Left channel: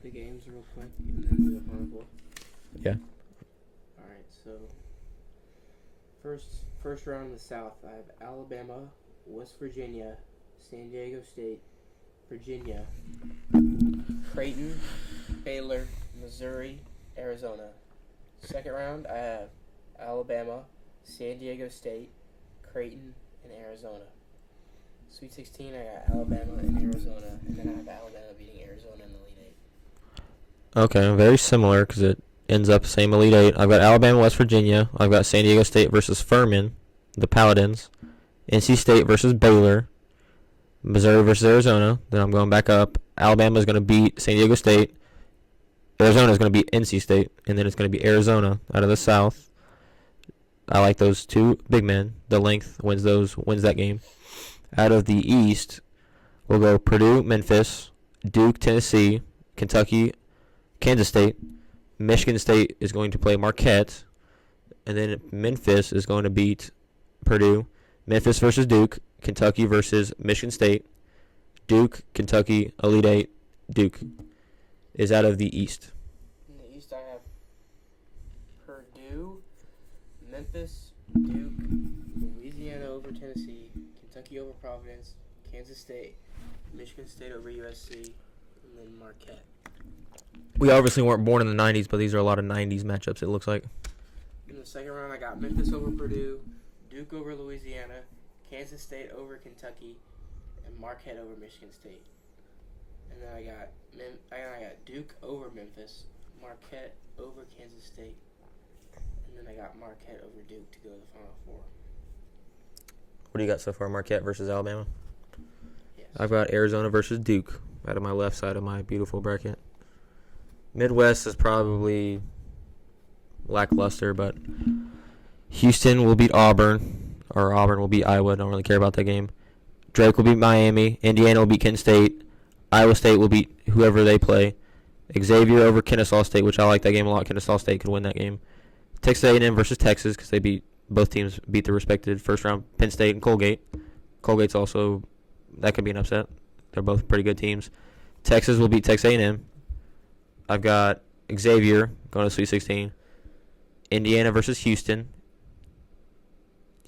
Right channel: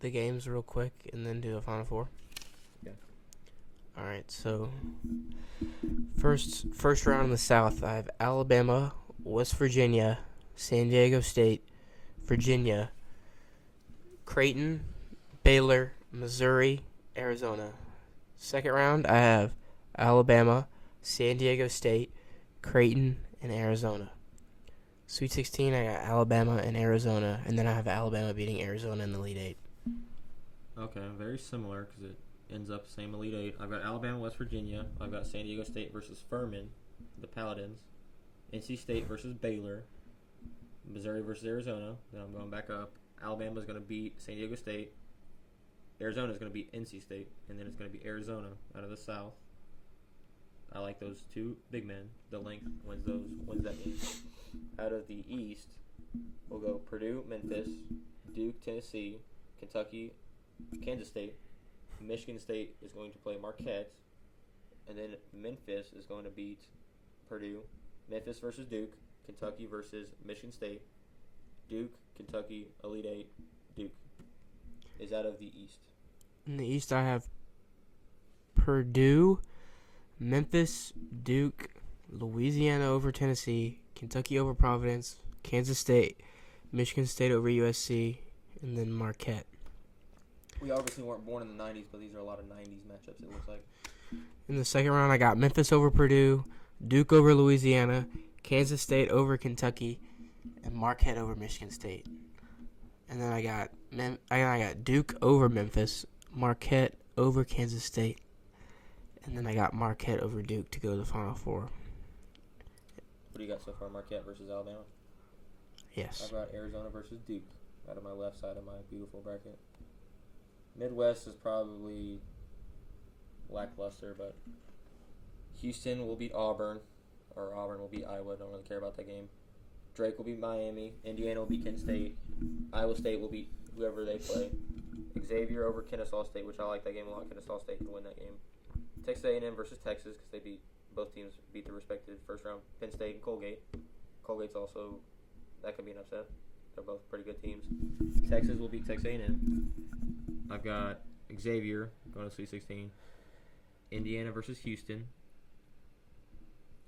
the games real quick and then do the Final Four? Yeah. All right. So first round in the South, I have Alabama, West Virginia, San Diego State, Virginia, Creighton, Baylor, Missouri, Arizona. Second round, I have Alabama, San Diego State, Creighton, and Arizona. Sweet 16, I got Alabama and Arizona, and then I have Alabama beating Arizona in the Elite Eight. Okay, very similar because it ends up the same Elite Eight. I've got Alabama, West Virginia. I've got San Diego State versus Furman, the Paladins. NC State versus Baylor. Missouri versus Arizona. Then I'm going back up. Alabama is going to beat San Diego State. Arizona is going to beat NC State, and then it's going to be Arizona out of the South. I like those two big men. The length wins that game. Out of the East, we'll go Purdue, Memphis, Duke, Tennessee, Kentucky, Kansas State. Michigan State is going to play Marquette, and then Memphis is going to beat Purdue. Memphis versus Duke, Kentucky versus Michigan State. Duke, Kentucky, Elite Eight. Duke is out of the East. In the East, I have Purdue, Memphis, Duke, Louisiana over Tennessee, Kentucky over Providence, Kansas State, Michigan State over USC, and then Marquette. We obviously weren't born in the 90s, but these are a lot of 90s matchups, it looks like. In the second round, I got Memphis over Purdue, Duke over Louisiana, Kansas State over Kentucky, and Marquette over Michigan State. And then I got Duke over Memphis, Marquette over Kansas State, and then I got Marquette over Duke to go to the Final Four. What do you got so far, Marquette versus Alabama? Yes. I've got Arizona versus Duke out of my left side of my beautiful bracket. Midwest is probably lackluster, but Houston will beat Auburn, or Auburn will beat Iowa. Don't really care about that game. Drake will beat Miami. Indiana will beat Kent State. Iowa State will beat whoever they play. Xavier over Kennesaw State, which I like that game a lot. Kennesaw State could win that game. Texas A&M versus Texas because both teams beat their respected first round Penn State and Colgate. Colgate's also, that could be an upset. They're both pretty good teams. Texas will beat Texas A&M. I've got Xavier going to Sweet 16. Indiana versus Houston.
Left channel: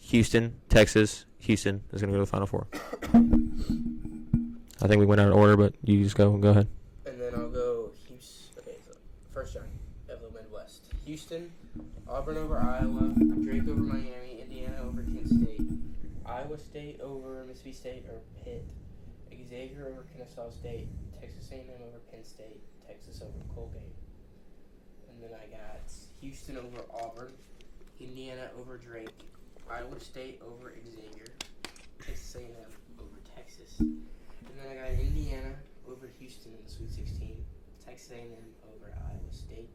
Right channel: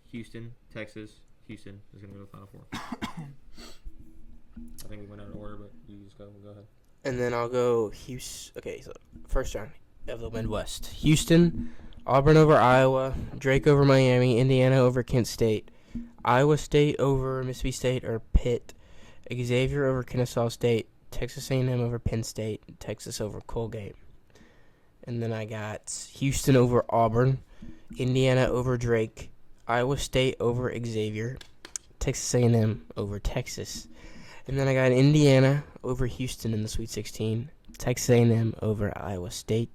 Houston, Texas. Houston is going to go to the Final Four. I think we went out of order, but you just go ahead. And then I'll go Houston. Okay, so first round of the Midwest. Houston, Auburn over Iowa, Drake over Miami, Indiana over Kent State, Iowa State over Mississippi State or Pitt, Xavier over Kennesaw State, Texas A&M over Penn State, Texas over Colgate. And then I got Houston over Auburn, Indiana over Drake, Iowa State over Xavier, Texas A&M over Texas. And then I got Indiana over Houston in the Sweet 16, Texas A&M over Iowa State.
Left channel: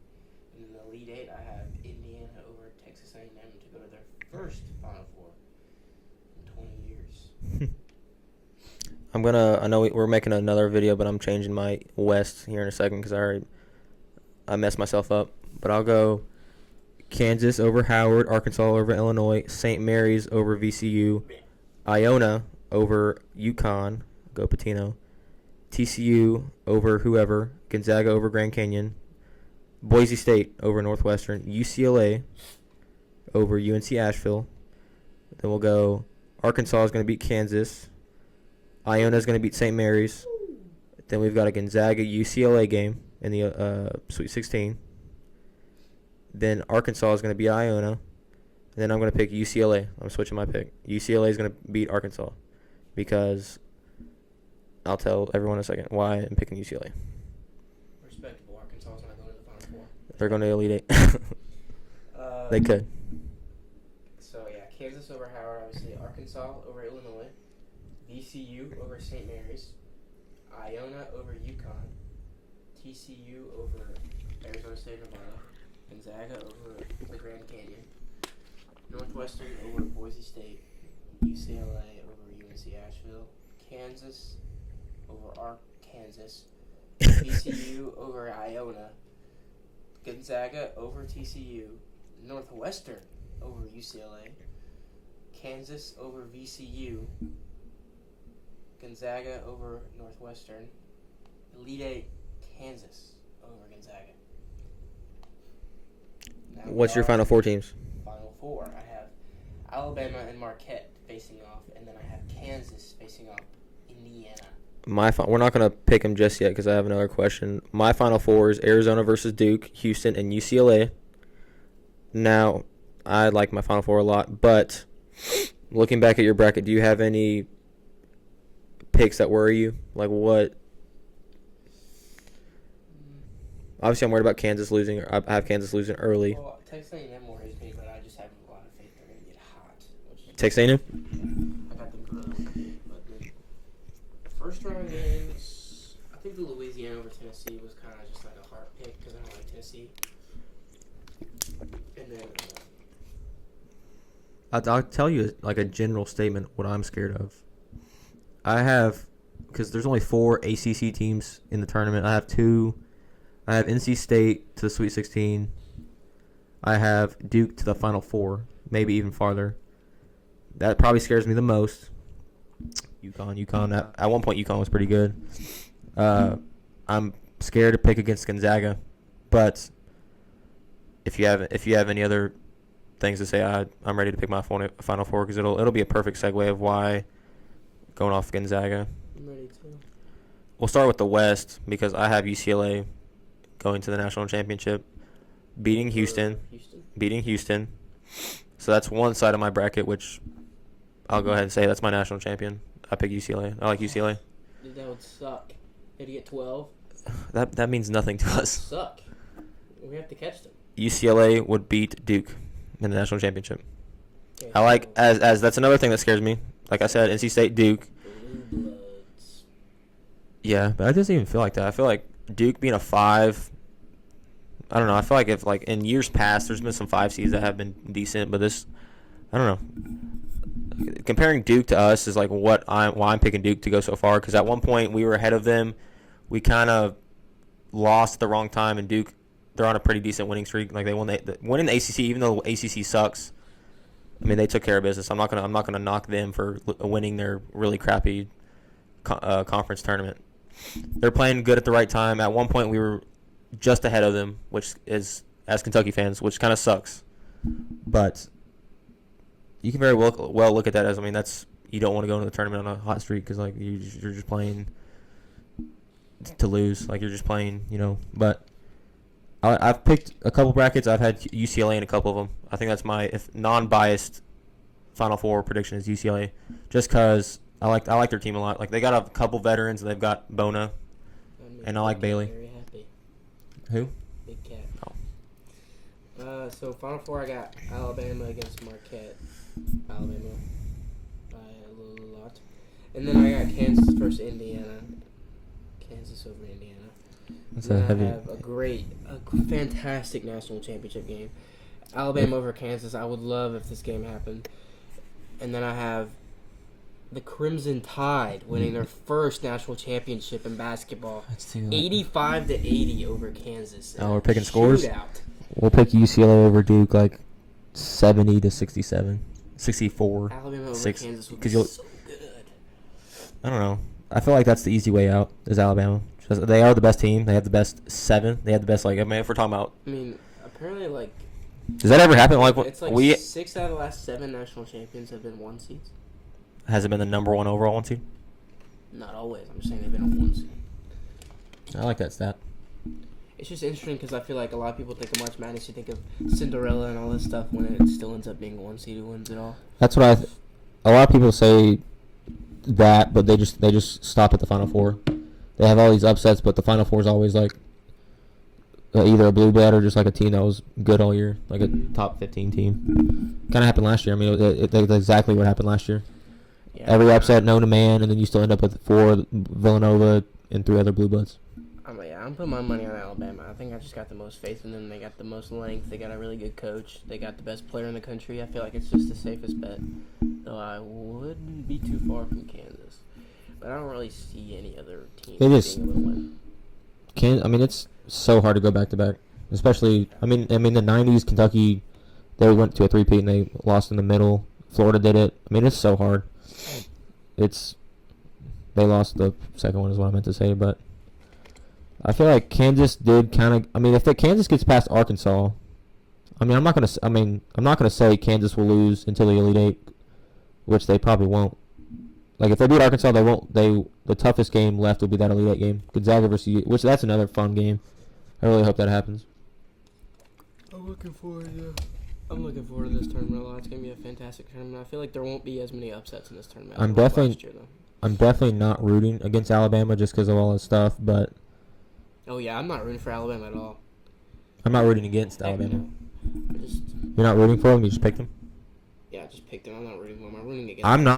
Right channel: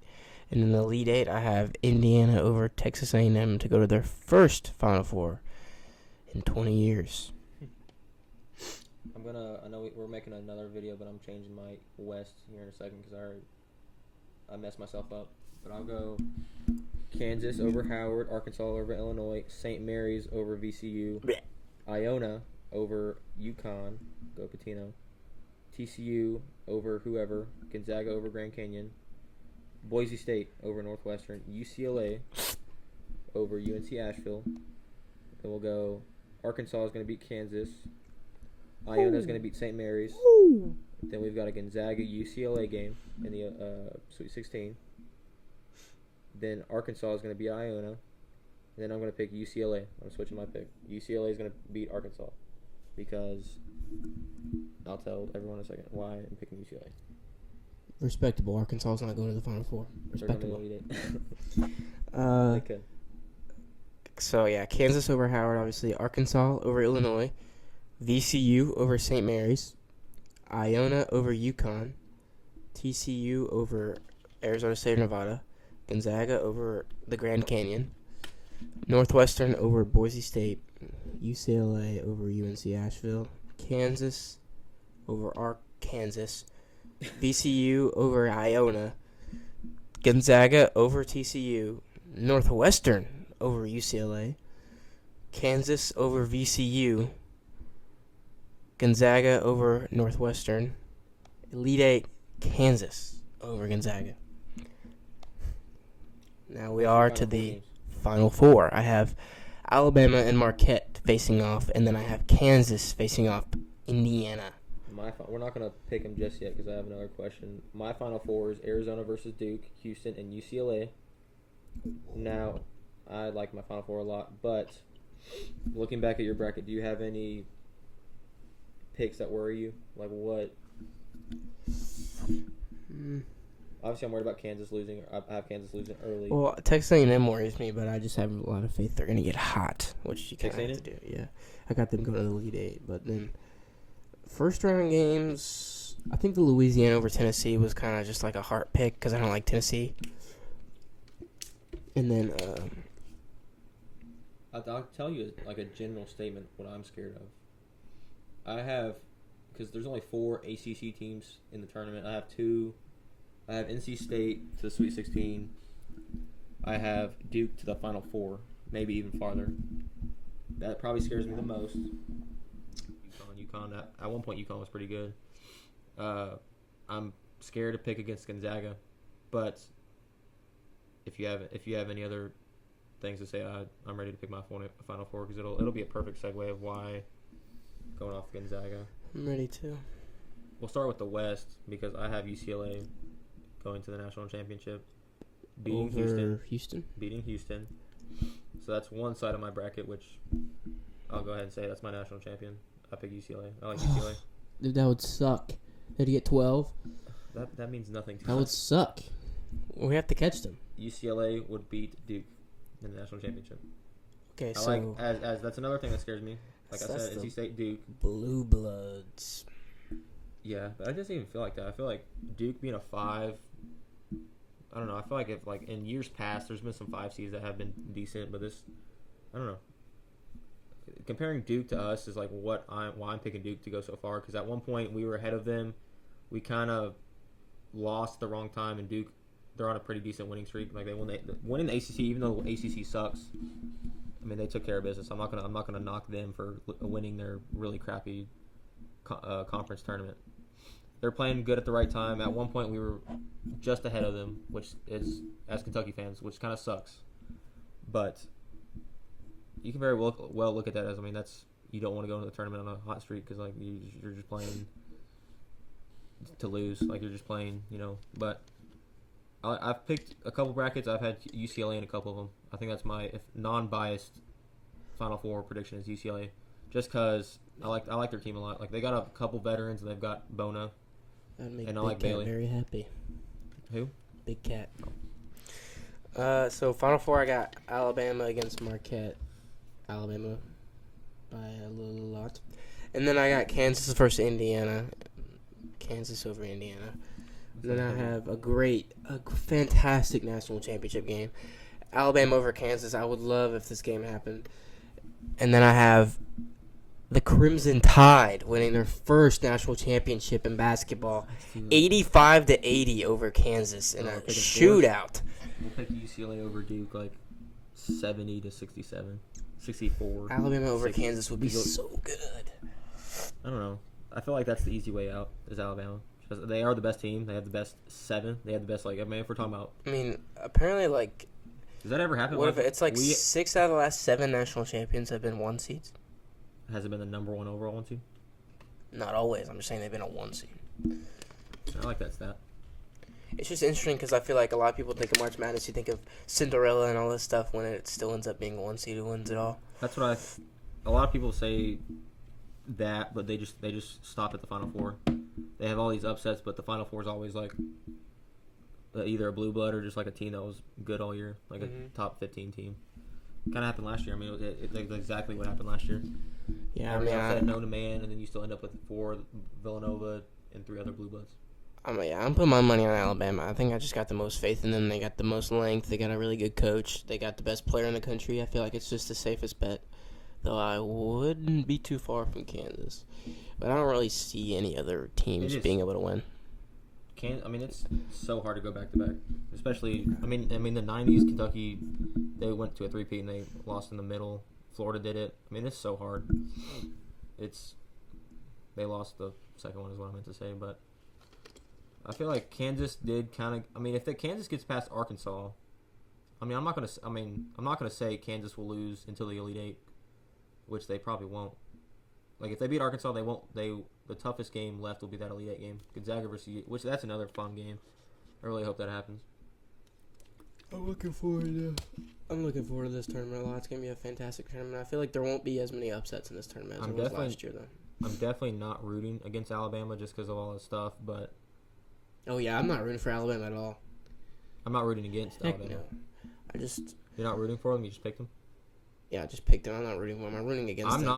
And in the Elite Eight, I have Indiana over Texas A&M to go to their first Final Four in 20 years. I know we're making another video, but I'm changing my West here in a second because I messed myself up. But I'll go Kansas over Howard, Arkansas over Illinois, St. Mary's over VCU, Iona over UConn, go Patino, TCU over whoever, Gonzaga over Grand Canyon, Boise State over Northwestern, UCLA over UNC Asheville. Then we'll go Arkansas is going to beat Kansas. Iona is going to beat St. Mary's. Then we've got a Gonzaga UCLA game in the Sweet 16. Then Arkansas is going to beat Iona. And then I'm going to pick UCLA. I'm switching my pick. UCLA is going to beat Arkansas because I'll tell everyone in a second why I'm picking UCLA. Respectable. Arkansas is not going to the Final Four. They're going to Elite Eight. They could. So, yeah, Kansas over Howard, obviously. Arkansas over Illinois. VCU over St. Mary's. Iona over UConn. TCU over Arizona State or Nevada. Gonzaga over the Grand Canyon. Northwestern over Boise State. UCLA over UNC Asheville. Kansas over Arkansas. VCU over Iona. Gonzaga over TCU. Northwestern over UCLA. Kansas over VCU. Gonzaga over Northwestern. Elite Eight, Kansas over Gonzaga. Now What's your Final Four teams? Final Four. I have Alabama and Marquette facing off, and then I have Kansas facing off Indiana. We're not going to pick them just yet because I have another question. My Final Four is Arizona versus Duke, Houston, and UCLA. Now, I like my Final Four a lot, but looking back at your bracket, do you have any picks that worry you? Like what? Obviously, I'm worried about Kansas losing. I have Kansas losing early. Well, Texas A&M worries me, but I just have a lot of faith they're going to get hot. Which Texas A&M? Yeah. I got them going to the Elite Eight, but then first round games, I think the Louisiana over Tennessee was kind of just like a heart pick because I don't like Tennessee. And then I'll tell you like a general statement what I'm scared of. I have, because there's only 4 ACC teams in the tournament. I have NC State to the Sweet 16. I have Duke to the Final Four, maybe even farther. That probably scares me the most. UConn. At one point, UConn was pretty good. I'm scared to pick against Gonzaga, but if you have any other things to say, I'm ready to pick my Final Four because it'll be a perfect segue of why going off Gonzaga. I'm ready too. We'll start with the West because I have UCLA going to the national championship, beating Houston. So that's one side of my bracket, which I'll go ahead and say that's my national champion. I pick UCLA. I like UCLA. Dude, that would suck. They'd get 12. That means nothing to That would us. suck. We have to catch them. UCLA would beat Duke in the national championship. Okay, I like as that's another thing that scares me. Like I said, NC State, Duke. Blue Bloods. Yeah, but I doesn't even feel like that. I feel like Duke being a 5. I don't know. I feel like if like in years past, there's been some 5 seeds that have been decent, but this, I don't know. Comparing Duke to us is like why I'm picking Duke to go so far because at one point we were ahead of them. We kind of lost at the wrong time, and Duke, they're on a pretty decent winning streak. Like they winning the ACC, even though ACC sucks. I mean, they took care of business. I'm not gonna knock them for winning their really crappy conference tournament. They're playing good at the right time. At one point, we were just ahead of them, which is, as Kentucky fans, which kind of sucks. But you can very well look at that as, I mean, that's, you don't want to go into the tournament on a hot streak because like you're just playing to lose. Like you're just playing, But I've picked a couple brackets. I've had UCLA in a couple of them. I think that's my non-biased Final Four prediction is UCLA, just because I like their team a lot. Like they got a couple veterans. They've got Bona, and I like Bailey. Very happy. Who? Big Cat. So Final Four, I got Alabama against Marquette. Alabama by a lot. And then I got Kansas versus Indiana. Kansas over Indiana. And I have a fantastic national championship game. Alabama over Kansas. I would love if this game happened. And then I have the Crimson Tide winning their first national championship in basketball. 85-80 over Kansas. We're picking scores? Shootout. We'll pick UCLA over Duke, like 70-67, 64. Alabama over Kansas would be so good. I don't know. I feel like that's the easy way out is Alabama. They are the best team. They have the best 7. They have the best, like, I mean, if we're talking about. I mean, apparently, like. Does that ever happen? Like, it's like 6 out of the last 7 national champions have been 1 seeds. Has it been the number 1 overall 1 seed? Not always. I'm just saying they've been a 1 seed. I like that stat. It's just interesting because I feel like a lot of people think of March Madness. You think of Cinderella and all this stuff when it still ends up being 1 seed who wins it all. That's what a lot of people say that, but they just stop at the Final Four. They have all these upsets, but the Final Four is always like either a blue blood or just like a team that was good all year, like a top 15 team. Kind of happened last year. I mean, it's exactly what happened last year. Yeah, every upset known to man, and then you still end up with 4 Villanova and 3 other blue bloods. I'm putting my money on Alabama. I think I just got the most faith in them. They got the most length. They got a really good coach. They got the best player in the country. I feel like it's just the safest bet, though I wouldn't be too far from Kansas. But I don't really see any other teams being able to win. It's so hard to go back to back, especially. I mean, the '90s Kentucky, they went to a 3-peat and they lost in the middle. Florida did it. I mean, it's so hard. They lost the second one is what I meant to say, but I feel like Kansas did kind of. I mean, if Kansas gets past Arkansas, I mean, I'm not gonna. I'm not gonna say Kansas will lose until the Elite Eight, which they probably won't. Like if they beat Arkansas, they won't. The toughest game left will be that Elite Eight game, Gonzaga versus which that's another fun game. I really hope that happens. I'm looking forward to this tournament a lot. It's gonna be a fantastic tournament. I feel like there won't be as many upsets in this tournament. I'm as there were definitely- last year, though. I'm definitely not rooting against Alabama just because of all this stuff, but Oh yeah, I'm not rooting for Alabama at all. I'm not rooting against Heck Alabama. no. I just You're not rooting for them? You just picked them? I just picked them. I'm not rooting for them. I'm rooting against. I'm not.